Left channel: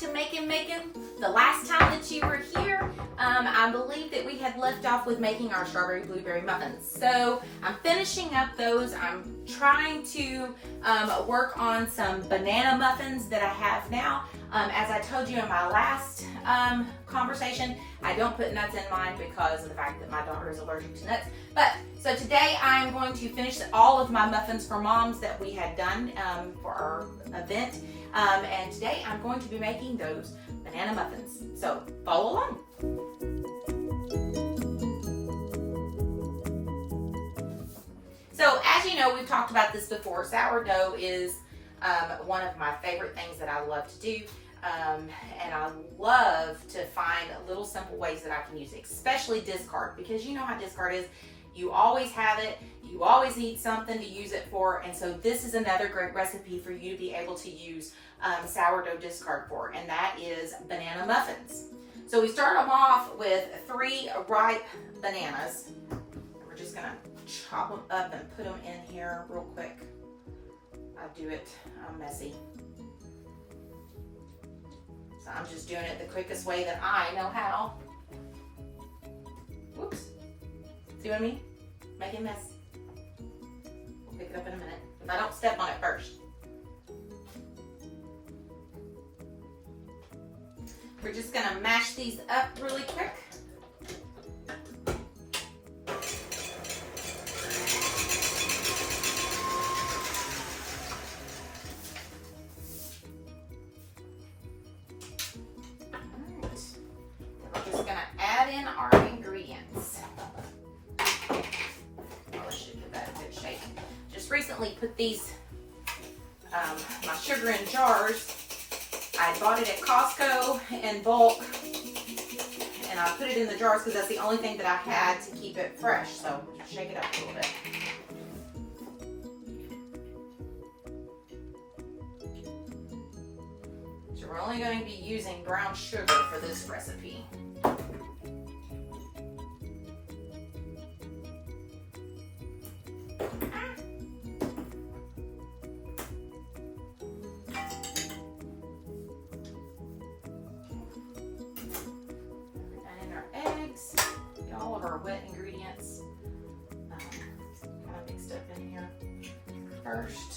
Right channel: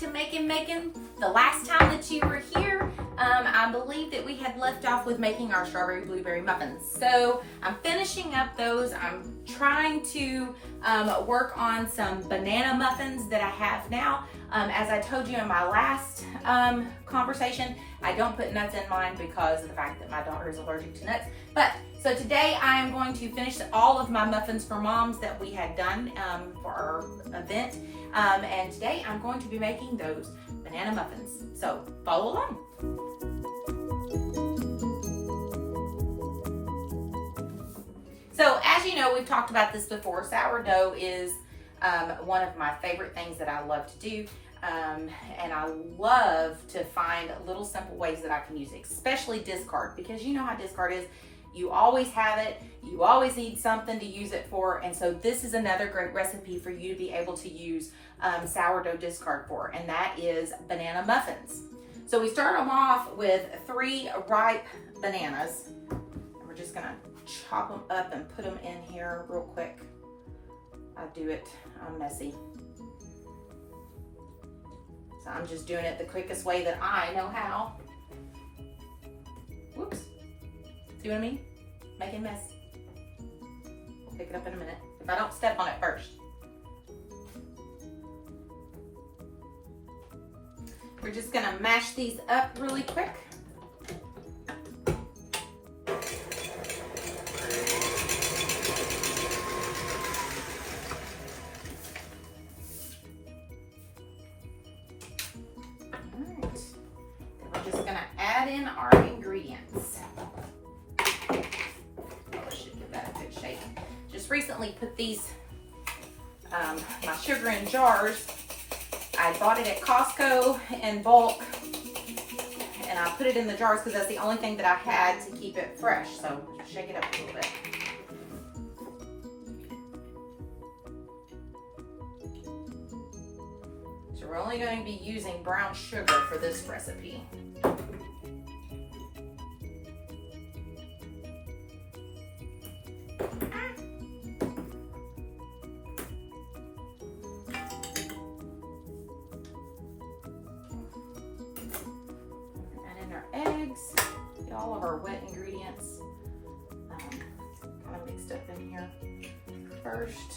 to making. The last time that you were here, I believe that we had left off with making our strawberry blueberry muffins. So I'm finishing up those. I'm trying to work on some banana muffins that I have now. As I told you in my last conversation, I don't put nuts in mine because of the fact that my daughter is allergic to nuts. But so today I'm going to finish all of my muffins for moms that we had done for our event. And today I'm going to be making those banana muffins. So follow along. So as you know, we've talked about this before. Sourdough is one of my favorite things that I love to do. And I love to find little simple ways that I can use it, especially discard, because you know how discard is. You always have it, you always need something to use it for, and so this is another great recipe for you to be able to use sourdough discard for, and that is banana muffins. So we start them off with 3 ripe bananas. We're just gonna chop them up and put them in here real quick. I'm messy. So I'm just doing it the quickest way that I know how. Whoops. See what I mean? Make a mess. We'll pick it up in a minute. If I don't step on it first. We're just gonna mash these up really quick. In our ingredients. This should give that a good shape. Just recently put these, my sugar in jars. I bought it at Costco in bulk, and I put it in the jars because that's the only thing that I had to keep it fresh. So shake it up a little bit. So we're only going to be using brown sugar for this recipe. Wet ingredients kind of mixed up in here first.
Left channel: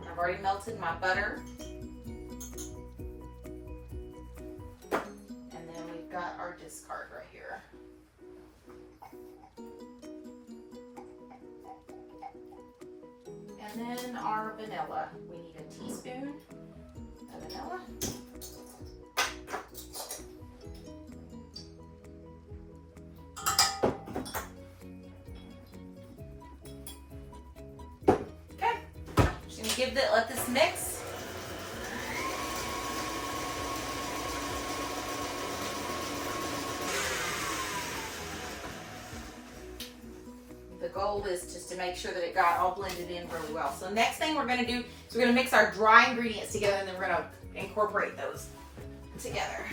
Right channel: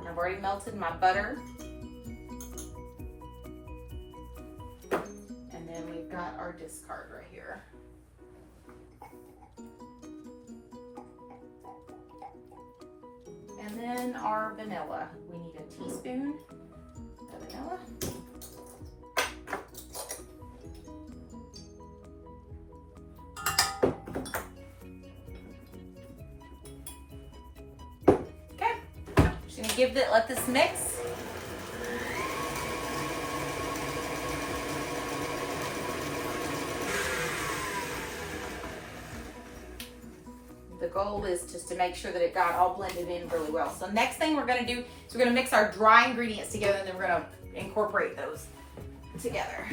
I've already melted my butter, and then we've got our discard right here. And then our vanilla. We need a teaspoon of vanilla. Okay, just gonna let this mix. The goal is just to make sure that it got all blended in really well. So next thing we're going to do is we're going to mix our dry ingredients together, and then we're going to incorporate those together.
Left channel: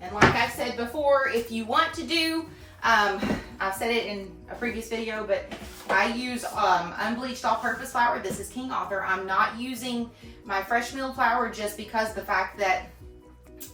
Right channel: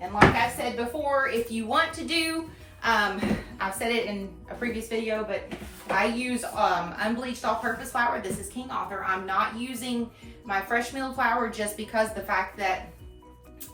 And like I said before, if you want to do, I've said it in a previous video, but I use unbleached all-purpose flour. This is King Arthur. I'm not using my fresh milled flour just because of the fact that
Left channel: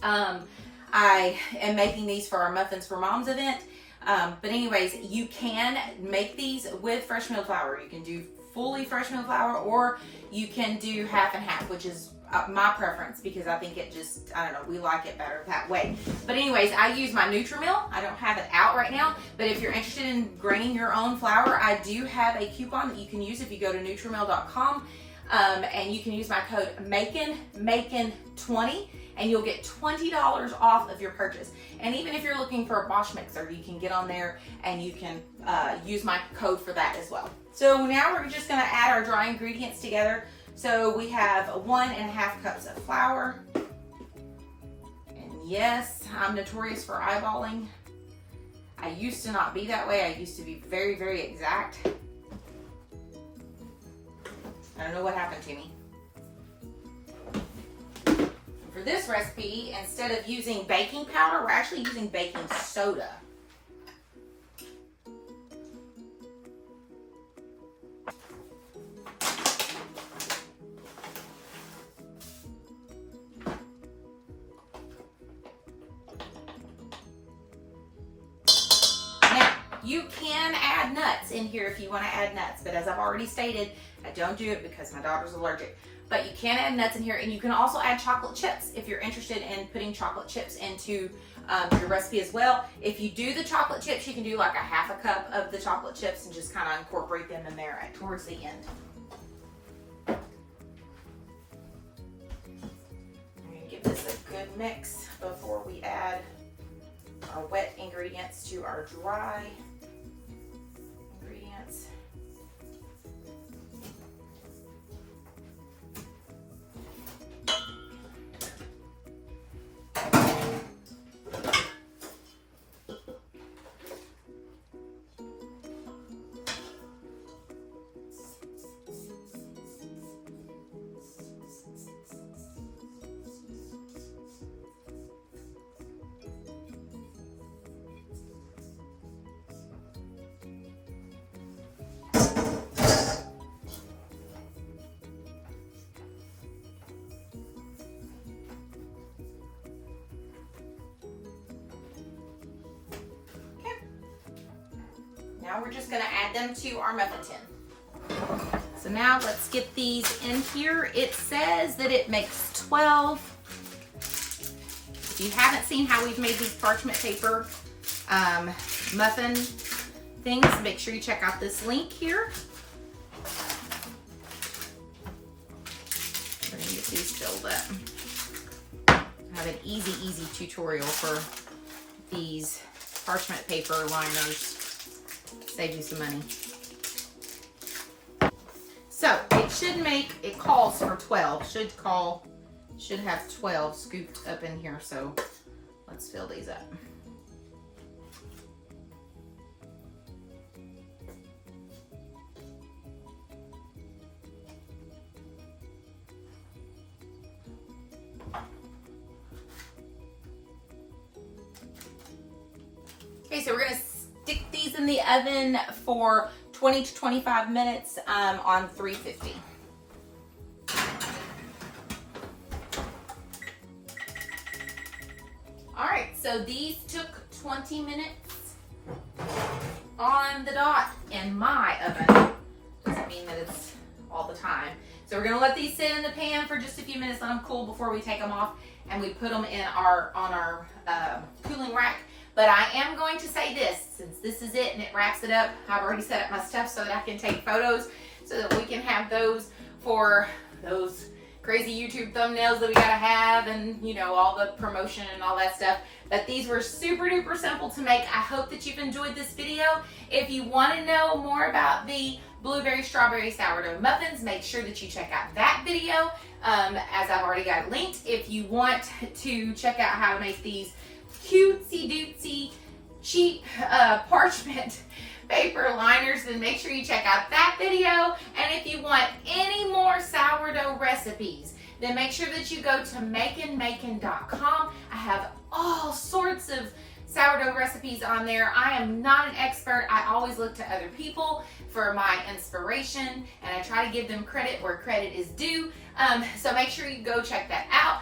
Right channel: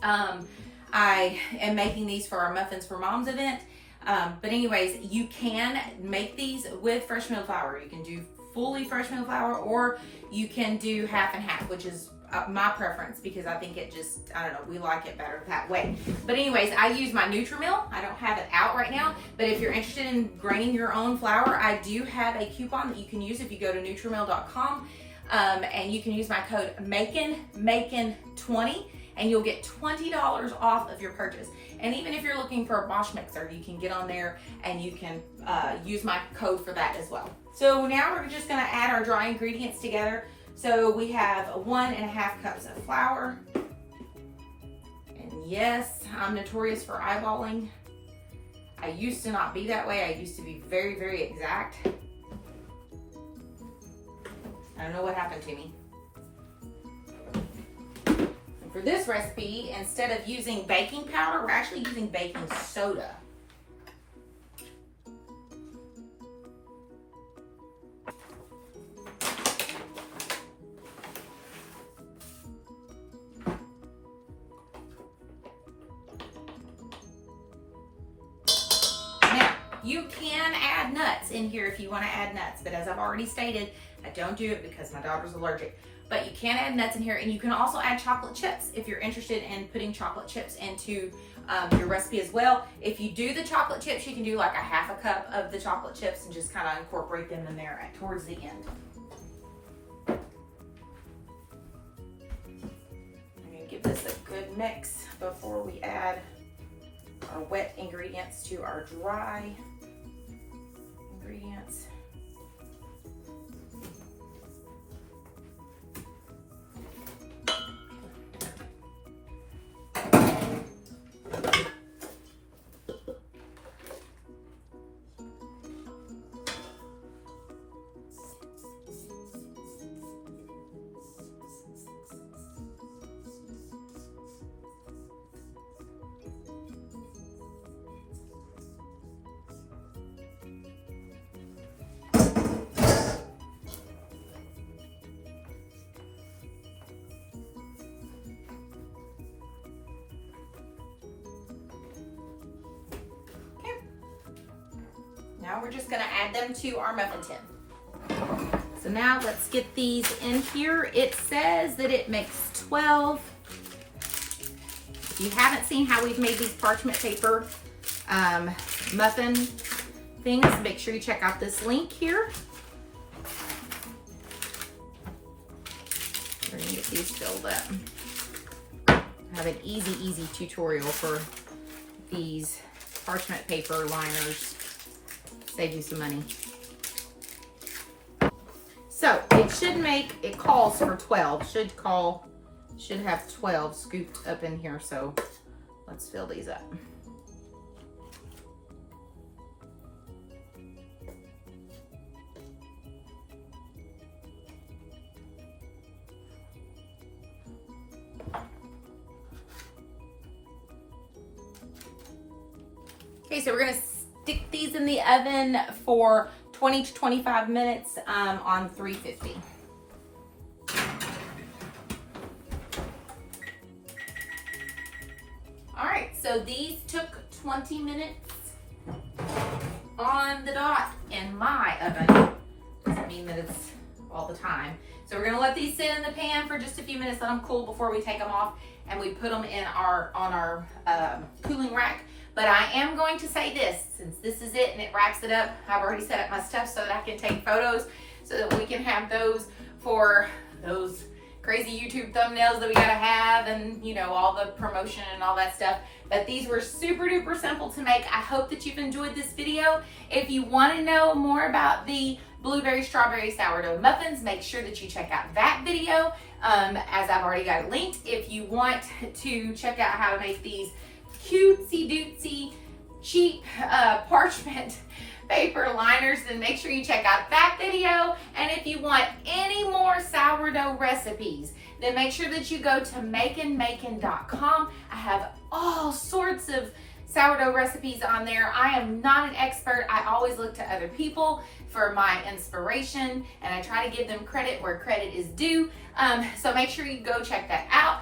I am making these for our Muffins for Moms event. But anyways, you can make these with fresh milled flour. You can do fully fresh milled flour, or you can do half and half, which is my preference because I think it just, I don't know, we like it better that way. But anyways, I use my NutriMill. I don't have it out right now, but if you're interested in graining your own flour, I do have a coupon that you can use if you go to NutriMill.com, and you can use my code MAKIN20, and you'll get $20 off of your purchase. And even if you're looking for a Bosch mixer, you can get on there and you can use my code for that as well. So now we're just gonna add our dry ingredients together. So we have 1.5 cups of flour. And yes, I'm notorious for eyeballing. I used to not be that way. I used to be very, very exact. I don't know what happened to me. And for this recipe, instead of using baking powder, we're actually using baking soda. you can add nuts in here if you want to add nuts, but as I've already stated, I don't do it because my daughter's allergic. But you can add nuts in here, and you can also add chocolate chips if you're interested in putting chocolate chips into your recipe as well. If you do the chocolate chips, you can do like a half a cup of the chocolate chips and just kind of incorporate them in there towards the end. I'm gonna give this a good mix before we add our wet ingredients to our dry ingredients. Now we're just gonna add them to our muffin tin. So now let's get these in here. It says that it makes 12. If you haven't seen how we've made these parchment paper muffin things, make sure you check out this link here. We're gonna get these filled up. I have an easy tutorial for these parchment paper liners. Save you some money. So it calls for 12. Should have 12 scooped up in here. So let's fill these up. Okay, so we're gonna stick these in the oven for 20 to 25 minutes on 350. All right, so these took 20 minutes on the dot in my oven. Doesn't mean that it's all the time. So we're gonna let these sit in the pan for just a few minutes, let them cool before we take them off, and we put them in on our cooling rack. But I am going to say this, since this is it and it wraps it up, I've already set up my stuff so that I can take photos so that we can have those for those crazy YouTube thumbnails that we gotta have, and you know, all the promotion and all that stuff. But these were super duper simple to make. I hope that you've enjoyed this video. If you wanna know more about the blueberry strawberry sourdough muffins, make sure that you check out that video, as I've already got it linked. If you want to check out how to make these cutesy dootsy cheap parchment paper liners, then make sure you check out that video. And if you want any more sourdough recipes, then make sure that you go to makeandmakin.com. I have all sorts of sourdough recipes on there. I am not an expert. I always look to other people for my inspiration, and I try to give them credit where credit is due. So make sure you go check that out.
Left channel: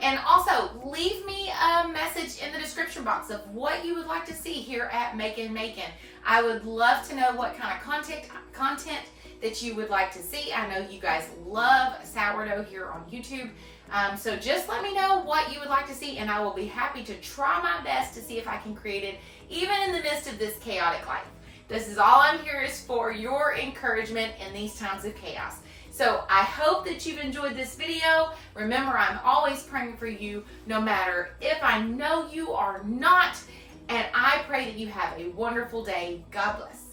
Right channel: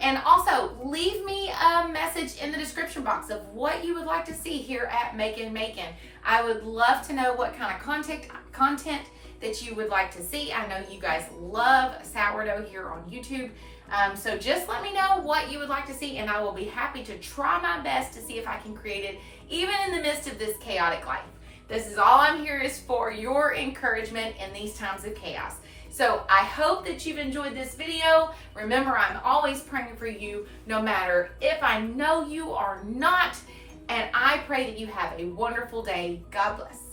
And also leave me a message in the description box of what you would like to see here at Makin' Makin'. I would love to know what kind of content that you would like to see. I know you guys love sourdough here on YouTube. So just let me know what you would like to see, and I will be happy to try my best to see if I can create it even in the midst of this chaotic life. This is all I'm here is for your encouragement in these times of chaos. So I hope that you've enjoyed this video. Remember, I'm always praying for you, no matter if I know you or not. And I pray that you have a wonderful day. God bless.